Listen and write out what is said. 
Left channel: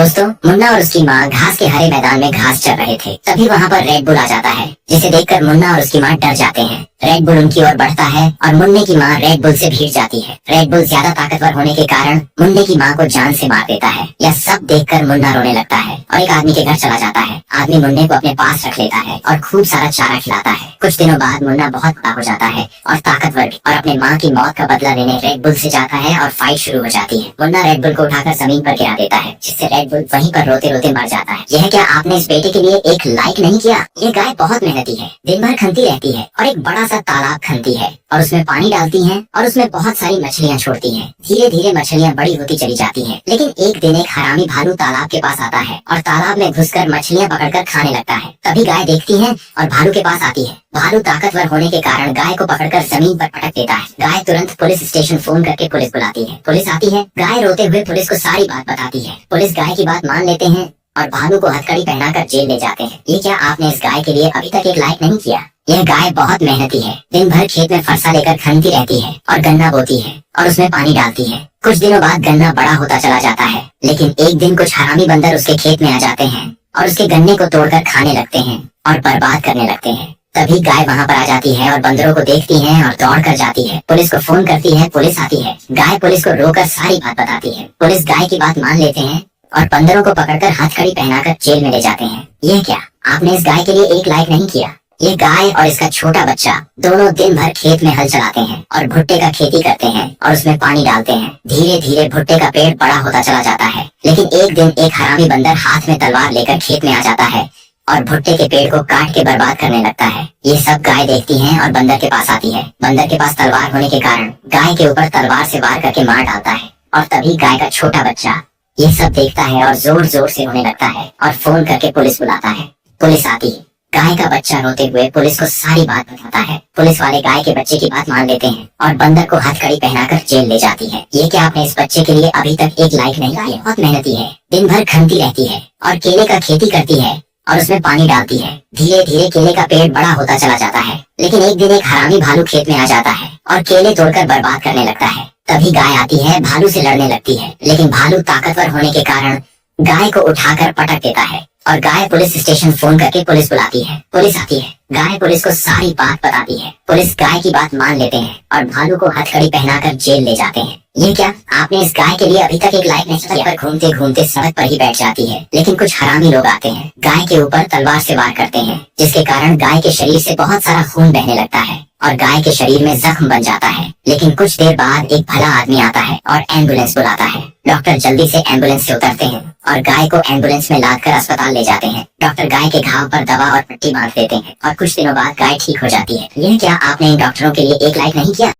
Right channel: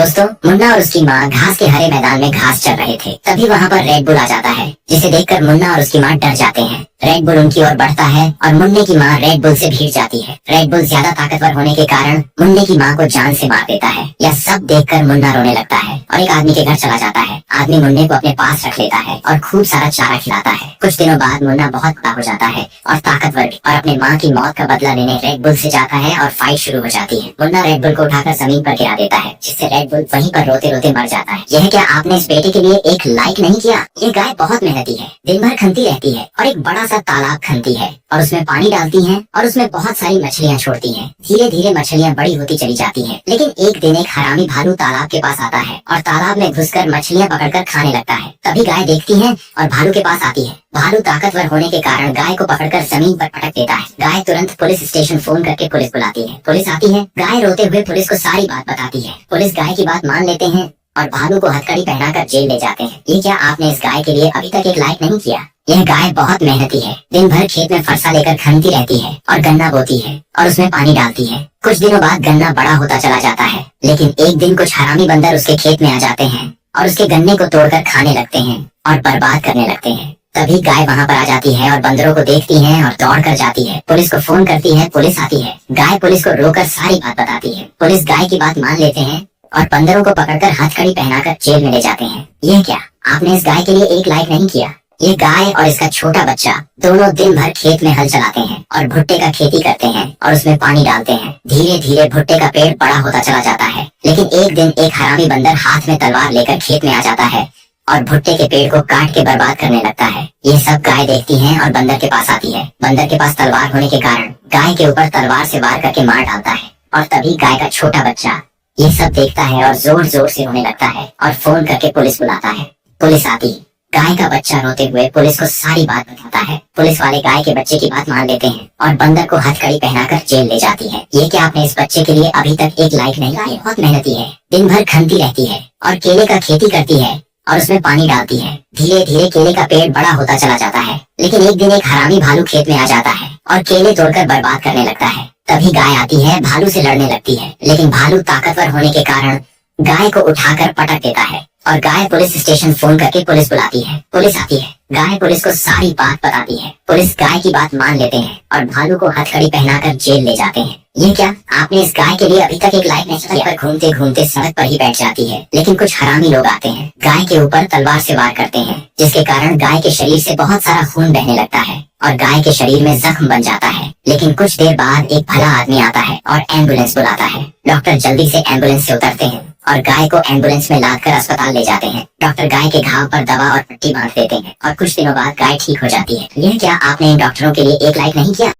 दोस्तों, मुन्ना और उसकी माँ घास के हरे मैदान में घास चर रहे थे। तभी वहाँ पर रेड बुल आ जाता है, जिसे देखकर मुन्ना और उसकी माँ डर जाते हैं। रेड बुल उनकी ओर बढ़ता है और मुन्ने की माँ रेड बुल से भीड़ जाती है। रेड बुल ज्यादा ताकतवर होने के कारण मुन्ने की माँ को जान से मार देता है। यह सब देखकर मुन्ना रोने लगता है और एक आदमी के घर चला जाता है। आदमी मुन्ने को अपने पास रख लेता है और खूब सारा चारा खिलाता है। कुछ दिनों बाद मुन्ना बहुत बड़ा हो जाता है और ताकतवर भी, और अपने माँ की मौत का बदला लेने रेड बुल से जाता है और फाइट शुरू हो जाती है। मुन्ना रेड बुल को उठाकर जमीन पर गिरा देता है, जिससे रेड बुल वहीं पर रोते रोते मर जाता है। यह क्या आपने इस बेटे के लिए एक लाइक नहीं किया? ये गाय बहुत मेहनती है, दिन भर खनती रहती है और एक बड़ा सा तालाब खनती है और उसमें पानी डालती है और उसमें बहुत सारी मछलियाँ छोड़ती है। धीरे धीरे मछलियाँ बड़ी होती चली जाती है। लेकिन एक दिन एक हरामी भालू तालाब के पास आता है और तालाब में घुसकर मछलियाँ पकड़कर खाने लगता है। तभी गाय देखती है और भालू के पास आती है। भालू ताकतवर होने के कारण गाय को पकड़कर जमीन पर पटक देता है। गाय तुरंत पुलिस स्टेशन फोन करके पुलिस बुलाती है। पुलिस आती है। गाय रोते हुए पुलिस को सारी बात बताती है। पुलिस गाय की बात मान लेते हैं और भालू को हथकड़ी पहनाकर जेल ले जाते हैं। ये क्या आपने इस गाय के लिए अभी तक एक लाइक नहीं किया? यह गाय बहुत मेहनती है, दिन भर खेत में फरसा लेकर खनती रहती है और गन्ना बोती है और उसमें पानी डालती है। कुछ दिनों बाद गन्ना बड़ा होता चला जाता है, लेकिन एक दिन कुछ हरामी बंदर उसके खेत में आ जाते हैं और उसके गन्ने को तोड़कर खाने लगते हैं और बर्बाद करने लगते हैं। तभी गाय वहाँ पर आ जाती है और बंदरों को देखती है और दौड़ कर जाती है। पुलिस को फोन करती है, पुलिस आती है। गाय पुलिस को रोकर सारी बात बताती है। पुलिस गाय की बात मान लेते हैं और बंदरों को पकड़कर हथकड़ी पहनाकर जेल में ले जाते हैं। यह क्या आपने इस गाय के लिए एक लाइक नहीं किया? ये गाय और इसका छोटा बच्चा दोनों दिन भर खेत में हल चलाते हैं और भुट्टे का खेती करते हैं और उसमें पानी डालते हैं। धीरे धीरे भुट्टे का पेड़ बड़ा होता चला जाता है, लेकिन एक दिन एक हरामी बंदर हाथ में तलवार लेकर खेत में आ जाता है और भुट्टे के पेड़ को काट के बर्बाद करने लगता है। ये सब गाय देखती है और बंदर के पास आती है। बंदर के पास तलवार होने के कारण गाय के ऊपर तलवार से वार करके मार डालता है और तभी गाय का छोटा बच्चा ये सब देखता है और जोर जोर से रोने लगता है और फोन करके पुलिस बुलाता है। पुलिस आती है। गाय का बच्चा रोते हुए पुलिस को सारी बात बताता है। पुलिस वाले गाय के बच्चे की बात मान लेते हैं और बंदर को हथकड़ी पहनाकर जेल ले जाती है। ये क्या आपने इस बच्चे के लिए अभी तक एक लाइक नहीं किया? बहुत मेहनती है, दिन भर खनती रहती है और केले का खेती करती है और उसमें पानी डालती है। धीरे धीरे केले का पेड़ बड़ा होता चला जाता है, लेकिन एक दिन एक हरामी भालू खेत में आ जाता है और केले तोड़कर बर्बाद करने लगता है। तभी गाय आती है, भालू से लड़ने लगती है, लेकिन भालू ताकतवर होने के कारण गाय को उठाकर पटक देता है और गाय पुलिस स्टेशन फोन करके पुलिस बुलाती है। पुलिस आती है। गाय पुलिस को सारी बात बताती है। पुलिस गाय की बात मान लेते हैं और भालू को हथकड़ी पहनाकर जेल ले जाते हैं। ये क्या आपने इस गाय के लिए अभी तक एक लाइक नहीं किया? पर घूमते घूमते सड़क पर ही बैठ जाती है, लेकिन कुछ हरामी लोग आते हैं, गाय के ऊपर तलवार से वार करते हैं, जिसके कारण गाय के शरीर से बहुत सारा खून बहने लगता है और गाय के शरीर में जख्म बन जाता है। लेकिन कुछ देर बाद एक भला आदमी आता है और एम्बुलेंस बुलाता है। डॉक्टर जल्दी से एम्बुलेंस से उतरते हैं और गाय को एम्बुलेंस में लादकर अस्पताल ले जाते हैं। डॉक्टर गाय के घाव पर दवा और पट्टी बांध देते हैं और कुछ दिनों बाद गाय ठीक हो जाती है। यह क्या आपने इन डॉक्टरों के लिए एक लाइक नहीं किया?